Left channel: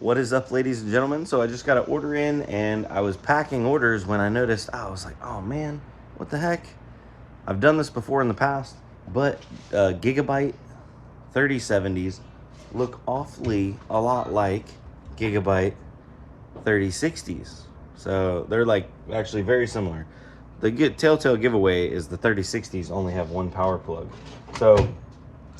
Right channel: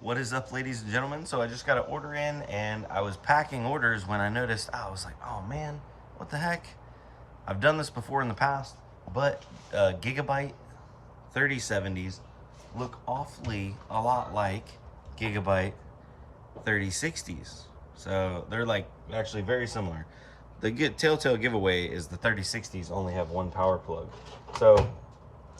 What is up, ladies and gentlemen? So I just got an order in and I was packing orders when I noticed, I was like, oh man, what the heck? I've done this before in the past, but Gigabyte 3070s look awfully a lot like Gigabyte 3060s. So they're like actually very similar. The telltale giveaway is the 3060s only have one power plug. So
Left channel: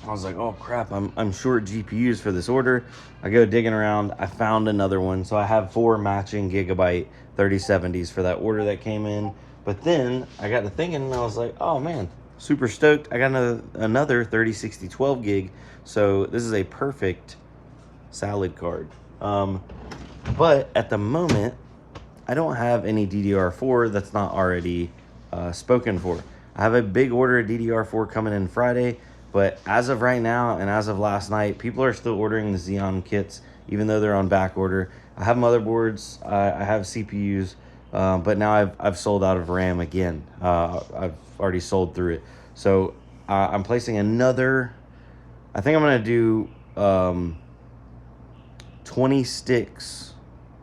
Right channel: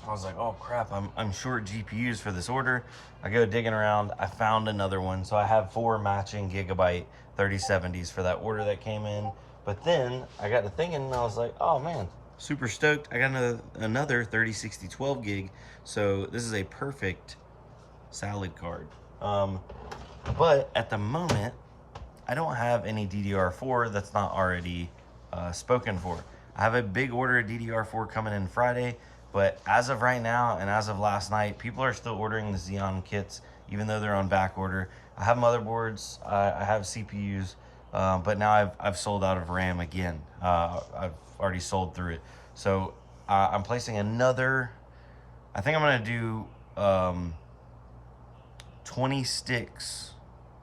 I was like, oh crap, I'm short GPUs for this order. I go digging around, I found another one. So I have 4 matching Gigabyte 3070s for that order that came in. But then I got to thinking and I was like, oh man, super stoked. I got another 3060 12 gig. So this is a perfect salad card. But at the moment, I don't have any DDR4 that's not already spoken for. I have a big order of DDR4 coming in Friday, but as of right now and as of last night, people are still ordering the Xeon kits, even though they're on back order. I have motherboards, I have CPUs, but now I've sold out of RAM again. I've already sold through it. So I'm placing another, I think I'm gonna do 20 sticks,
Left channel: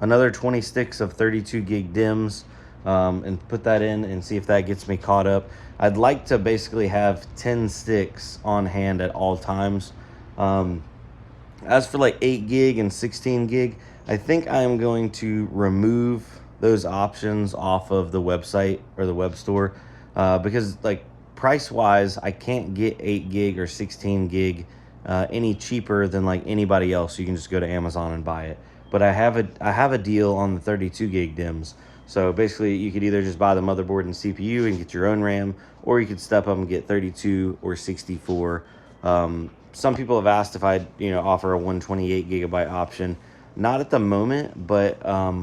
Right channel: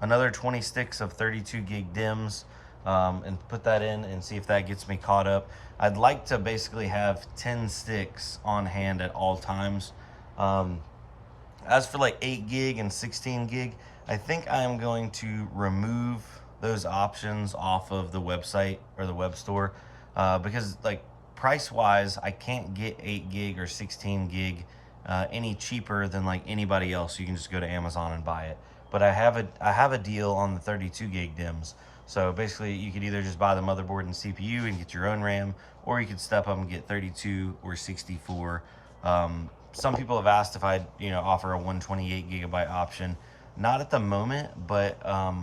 another 20 sticks of 32 gig DIMMs, and put that in and see if that gets me caught up. I'd like to basically have 10 sticks on hand at all times. As for like 8 gig and 16 gig, I think I am going to remove those options off of the website or the web store, because like price wise, I can't get 8 gig or 16 gig any cheaper than like anybody else. You can just go to Amazon and buy it. But I have a deal on the 32 gig DIMMs. So basically you could either just buy the motherboard and CPU and get your own RAM, or you could step up and get 32 or 64. Some people have asked if I'd offer a 128 gigabyte option. Not at the moment, but I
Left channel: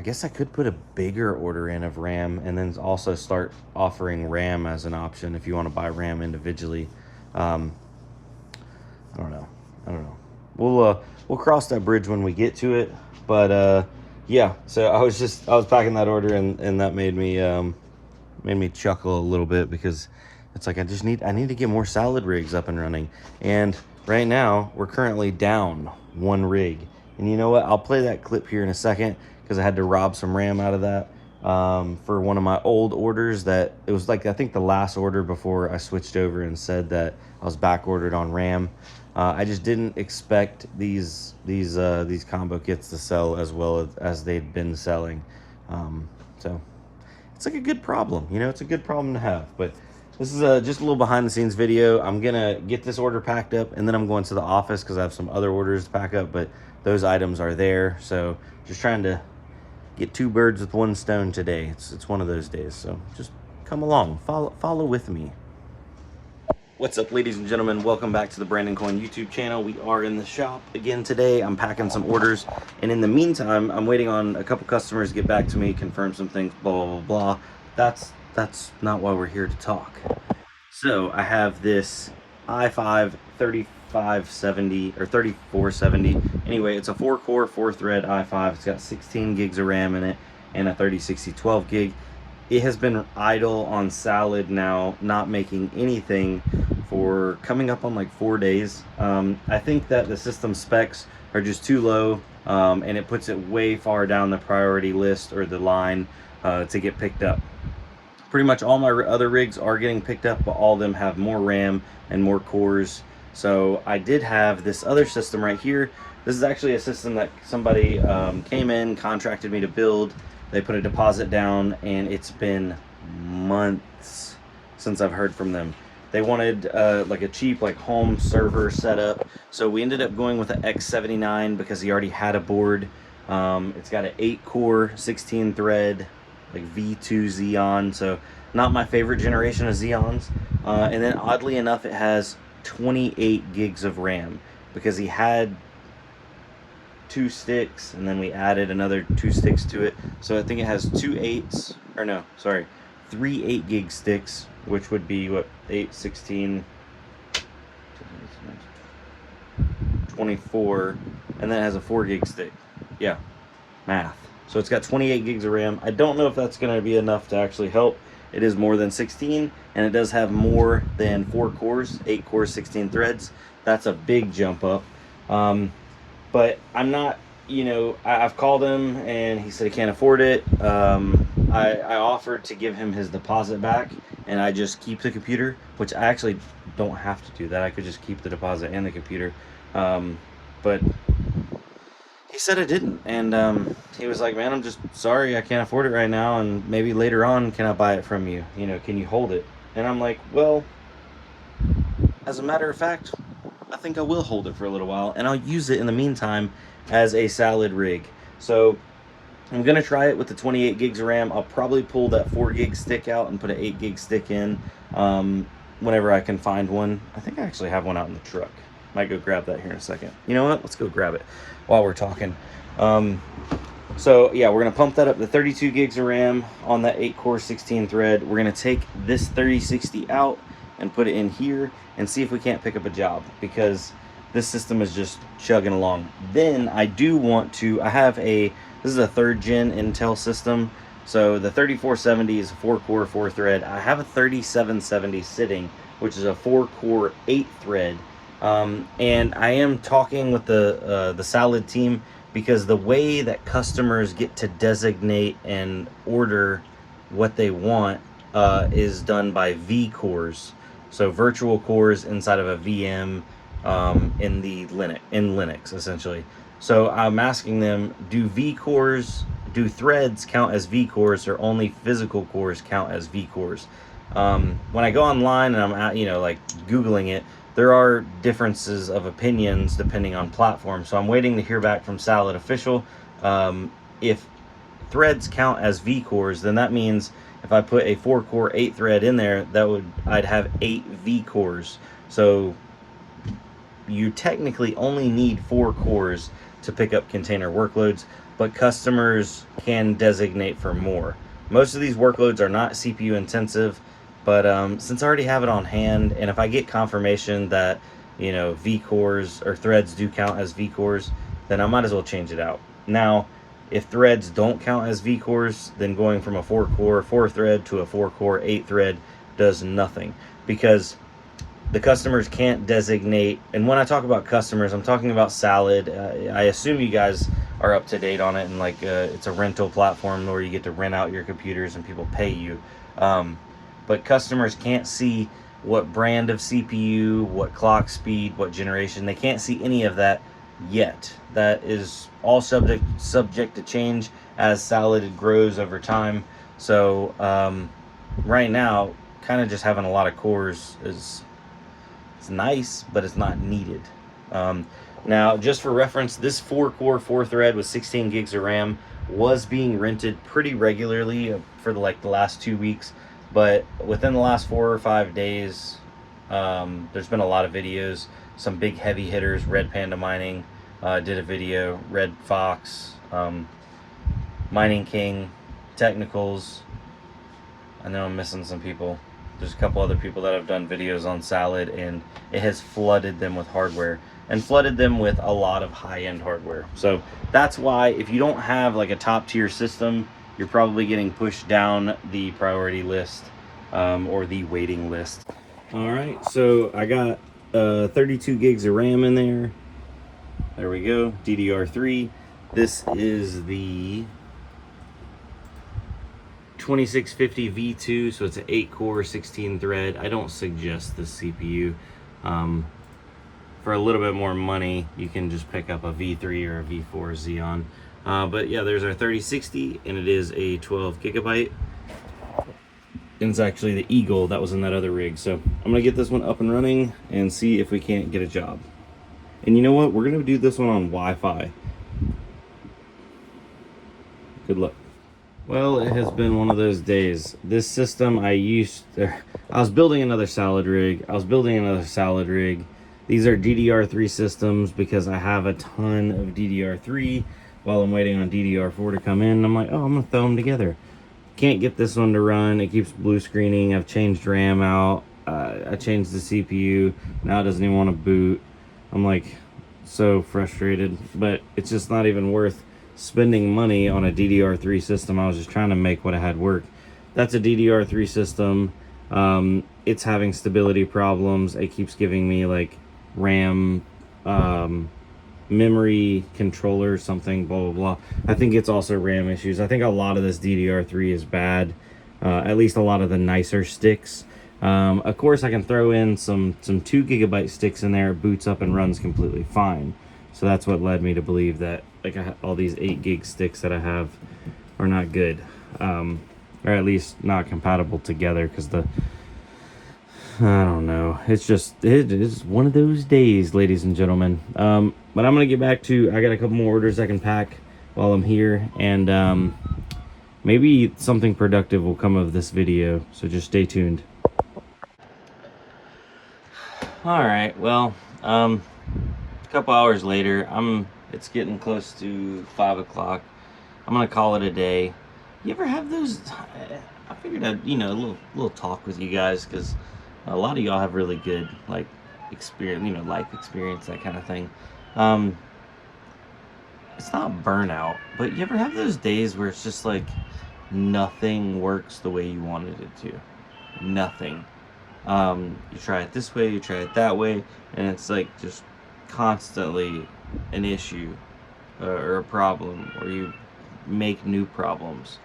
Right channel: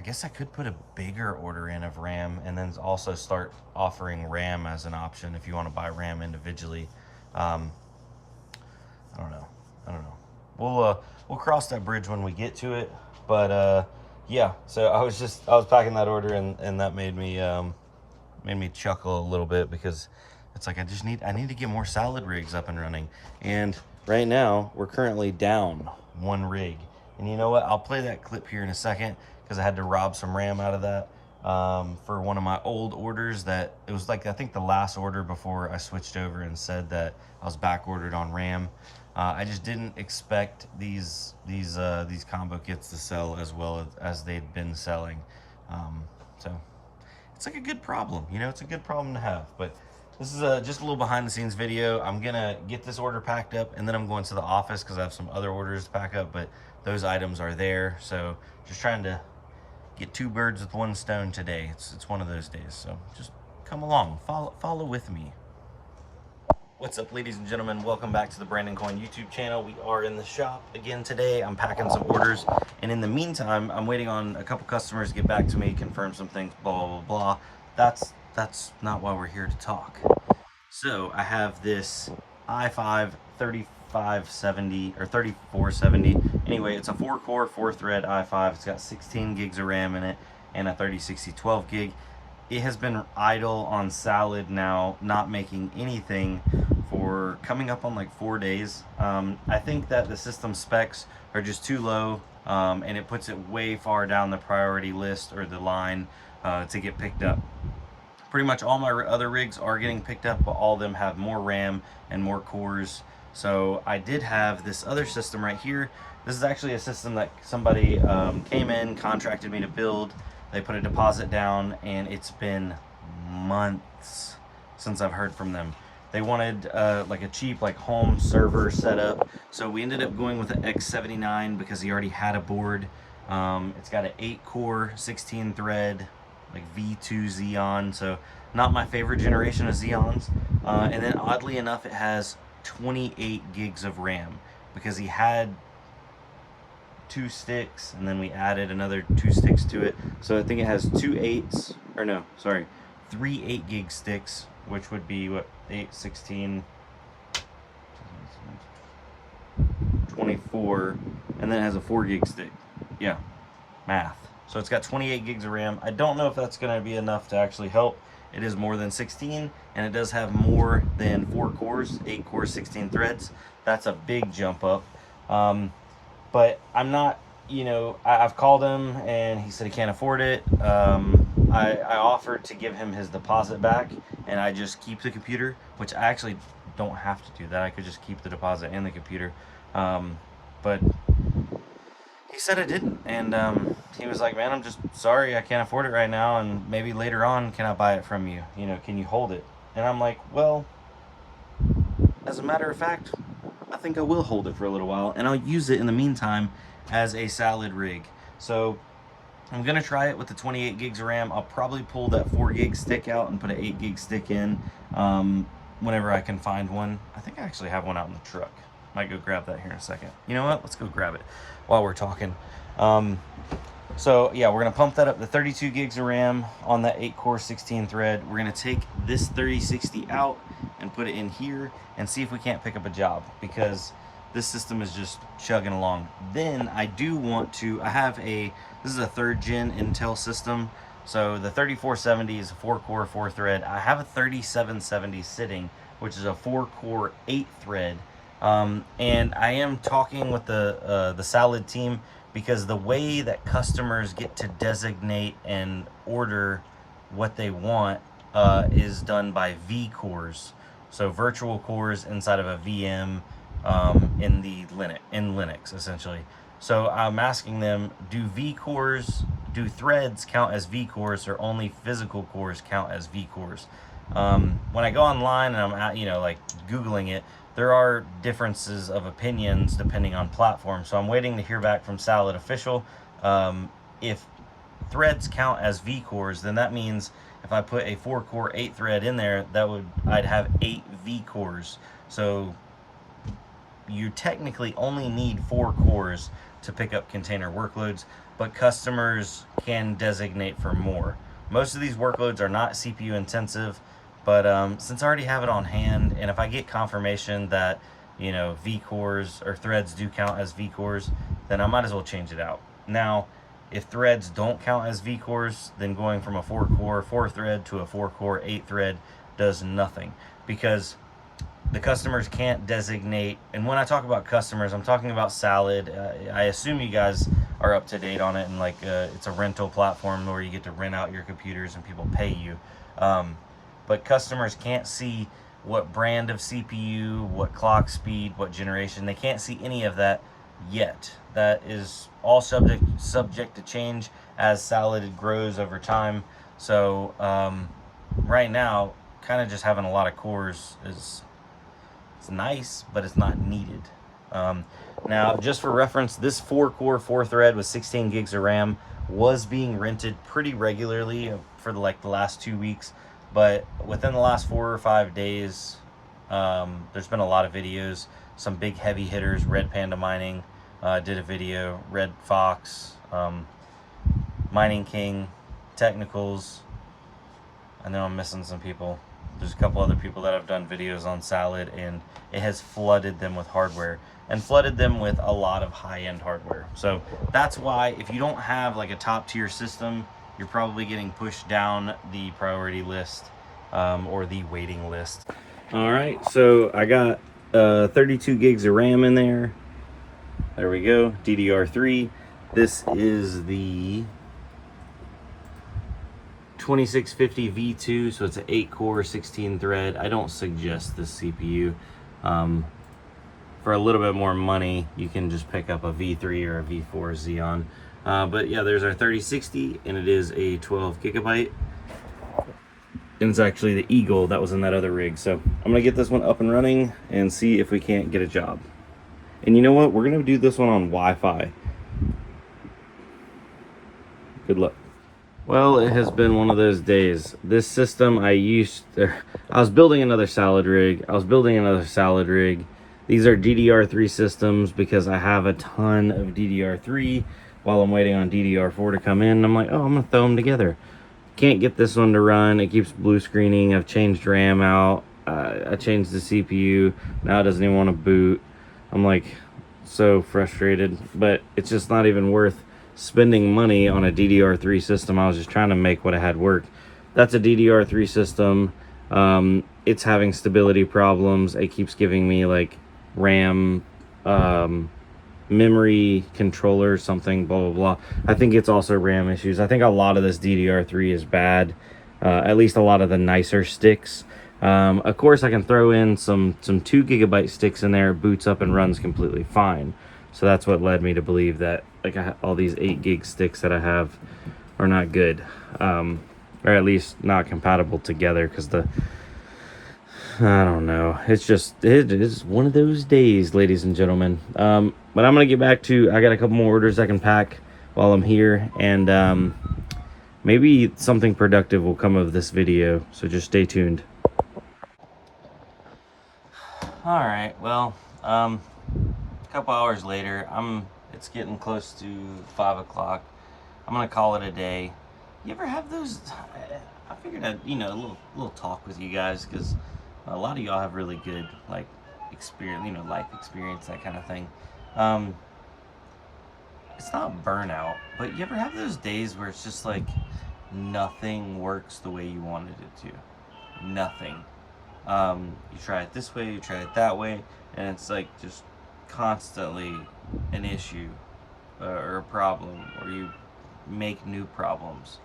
guess I could put a bigger order in of RAM and then also start offering RAM as an option if you want to buy RAM individually. I don't know. We'll cross that bridge when we get to it. But yeah, so I was packing that order and that made me chuckle a little bit, because it's like I need to get more salad rigs up and running. And right now we're currently down 1 rig. And you know what? I'll play that clip here in a second because I had to rob some RAM out of that for one of my old orders. That it was like, I think the last order before I switched over and said that I was back ordered on RAM. I just didn't expect these combo kits to sell as well as they'd been selling. So it's like a good problem, it's a good problem to have. But this is just a little behind the scenes video. I'm gonna get this order packed up and then I'm going to the office because I have some other orders to pack up, but those items are there. So just trying to get 2 birds with 1 stone today. It's one of those days. So just come along, follow with me. What's up, ladies and gentlemen? Welcome back to the Brandon Coin YouTube channel. We are in the shop again today. I'm packing some orders, and in the meantime, I'm waiting on a couple customers to get back to me, confirm some things, blah, blah, blah. That's not why we're here to talk. So I have this i5 3570 or 3470. Anyway, it's a 4-core, 4-thread i5. It's got 16 gigs of RAM in it and a 3060 12 gig. It has been idle on salad now, not making anything for coming up on like 4 days. I think that the system specs are just too low, and it puts it way far down the priority list or the line to get picked up. Pretty much all my other rigs are getting picked up, but all of them have more RAM and more cores. So I did have this other system right here. This is actually a system that somebody came in, contracted me to build. They put a deposit down, and it's been months since I've heard from them. They wanted like a cheap like home server setup. So we ended up going with an X79 because he already had a board. It's got an 8-core, 16-thread, like V2 Xeon. So not my favorite generation of Xeons. And then oddly enough, it has 28 gigs of RAM because he had 2 sticks and then we added another 2 sticks to it. So I think it has 3 8 gig sticks, which would be what, 8, 16, 24, and then it has a 4 gig stick. Yeah, math. So it's got 28 gigs of RAM. I don't know if that's going to be enough to actually help. It is more than 16, and it does have more than 4 cores, 8 cores, 16 threads. That's a big jump up. but I'm not, you know, I've called him and he said he can't afford it. I offered to give him his deposit back and I just keep the computer, which I actually don't have to do that. I could just keep the deposit and the computer. But he said I didn't. And he was like, man, I'm just sorry, I can't afford it right now. And maybe later on, can I buy it from you? You know, can you hold it? And I'm like, well, as a matter of fact, I think I will hold it for a little while, and I'll use it in the meantime as a salad rig. So I'm gonna try it with the 28 gigs of RAM. I'll probably pull that 4 gig stick out and put an 8 gig stick in whenever I can find one. I think I actually have one out in the truck. Might go grab that here in a second. You know what? Let's go grab it while we're talking. So yeah, we're gonna pump that up to 32 gigs of RAM on that 8-core 16 thread. We're gonna take this 3060 out and put it in here and see if we can't pick up a job, because this system is just chugging along. Then I do want to, this is a 3rd gen Intel system. So the 3470 is a 4-core 4-thread. I have a 3770 sitting, which is a 4-core 8-thread. And I am talking with the Salad team, because the way that customers get to designate and order what they want is done by V-cores. So virtual cores inside of a VM in Linux essentially. So I'm asking them, do threads count as V-cores, or only physical cores count as V-cores? When I go online and I'm like Googling it, there are differences of opinions depending on platform. So I'm waiting to hear back from Salad Official. If threads count as V-cores, then that means if I put a 4-core 8-thread in there, I'd have 8 V-cores. So you technically only need 4 cores to pick up container workloads, but customers can designate for more. Most of these workloads are not CPU intensive, but since I already have it on hand, and if I get confirmation that, you know, V-cores or threads do count as V-cores, then I might as well change it out. Now, if threads don't count as V-cores, then going from a 4-core 4-thread to a 4-core 8-thread does nothing, because the customers can't designate. And when I talk about customers, I'm talking about Salad. I assume you guys are up to date on it, and like it's a rental platform where you get to rent out your computers and people pay you. But customers can't see what brand of CPU, what clock speed, what generation. They can't see any of that yet. That is all subject to change as Salad grows over time. So right now, kind of just having a lot of cores is nice, but it's not needed. Now, just for reference, this 4-core 4-thread with 16 gigs of RAM was being rented pretty regularly for the last 2 weeks. But within the last 4 or 5 days, there's been a lot of videos. Some big heavy hitters, Red Panda Mining did a video, Red Fox, Mining King, Technicals. I know I'm missing some people. There's a couple other people that have done videos on Salad, and it has flooded them with hardware, and flooded them with a lot of high-end hardware. So that's why, if you don't have like a top-tier system, you're probably getting pushed down the priority list or the waiting list. All right, so I got 32 gigs of RAM in there. There we go, DDR3. This is the 2650 V2, so it's an 8-core 16 thread. I don't suggest this CPU. For a little bit more money, you can just pick up a V3 or a V4 Xeon. But yeah, there's our 3060, and it is a 12 gigabyte. And it's actually the Eagle that was in that other rig. So I'm gonna get this one up and running and see if we can't get a job. And you know what? We're gonna do this one on Wi-Fi. Good luck. Well, it has been one of those days. This system I was building another Salad rig. These are DDR3 systems because I have a ton of DDR3 while I'm waiting on DDR4 to come in. I'm like, oh, I'm gonna throw them together. Can't get this one to run. It keeps blue screening. I've changed RAM out. I changed the CPU. Now it doesn't even want to boot. I'm like so frustrated, but it's just not even worth spending money on a DDR3 system. I was just trying to make what I had work. That's a DDR3 system. It's having stability problems. It keeps giving me like RAM memory controller something, blah blah blah. I think it's also RAM issues. I think a lot of this DDR3 is bad, at least a lot of the nicer sticks. Of course I can throw in some 2 GB sticks in there. It boots up and runs completely fine. So that's what led me to believe that like all these 8 gig sticks that I have are not good, or at least not compatible together, because I don't know, it is one of those days, ladies and gentlemen. But I'm gonna get back to, I got a couple more orders I can pack while I'm here, and maybe something productive will come of this video, so just stay tuned. All right, well, a couple hours later, it's getting close to 5 o'clock. I'm gonna call it a day. You ever have those? I figured I'd, you know, a little talk with you guys, because a lot of y'all have really good like experience, you know, life experience, that kind of thing. It's not burnout, but you ever have those days where it's just like nothing works the way you wanted it to? Nothing. You try it this way, you try it that way, and it's like just constantly an issue or a problem, or you make new problems.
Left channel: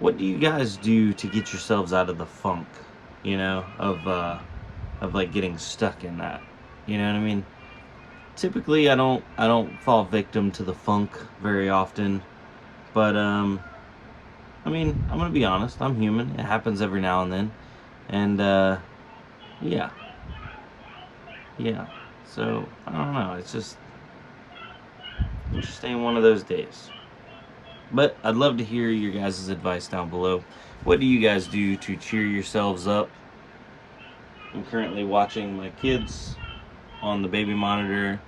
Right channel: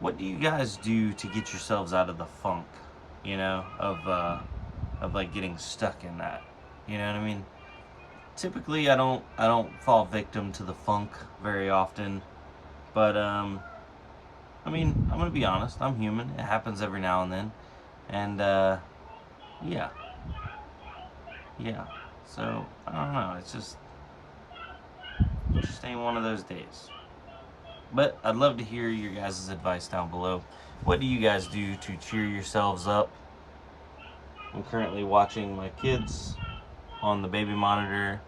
What do you guys do to get yourselves out of the funk, you know, of like getting stuck in that? You know what I mean? Typically I don't fall victim to the funk very often, but I mean, I'm gonna be honest, I'm human. It happens every now and then, and yeah, so I don't know, it just ain't one of those days. But I'd love to hear your guys' advice down below. What do you guys do to cheer yourselves up? I'm currently watching my kids on the baby monitor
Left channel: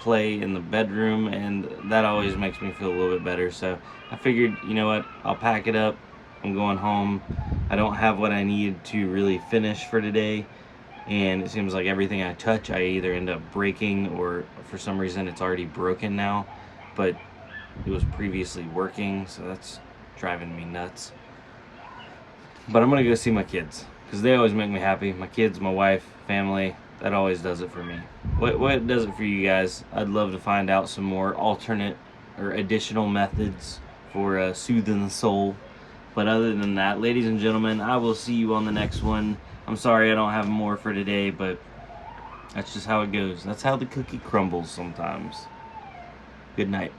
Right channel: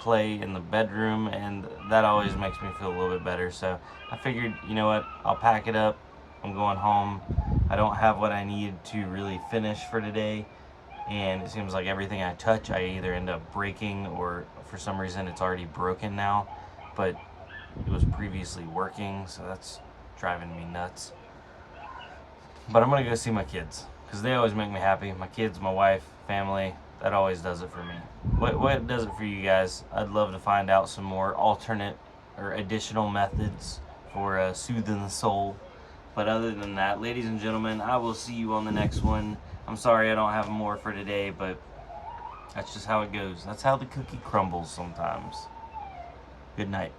play in the bedroom, and that always makes me feel a little bit better. So I figured, you know what, I'll pack it up. I'm going home. I don't have what I need to really finish for today, and it seems like everything I touch I either end up breaking, or for some reason it's already broken now, but it was previously working, so that's driving me nuts. But I'm gonna go see my kids, because they always make me happy. My kids, my wife, family, that always does it for me. What does it for you guys? I'd love to find out some more alternate or additional methods for soothing the soul. But other than that, ladies and gentlemen, I will see you on the next one. I'm sorry I don't have more for today, but that's just how it goes. That's how the cookie crumbles sometimes. Good night.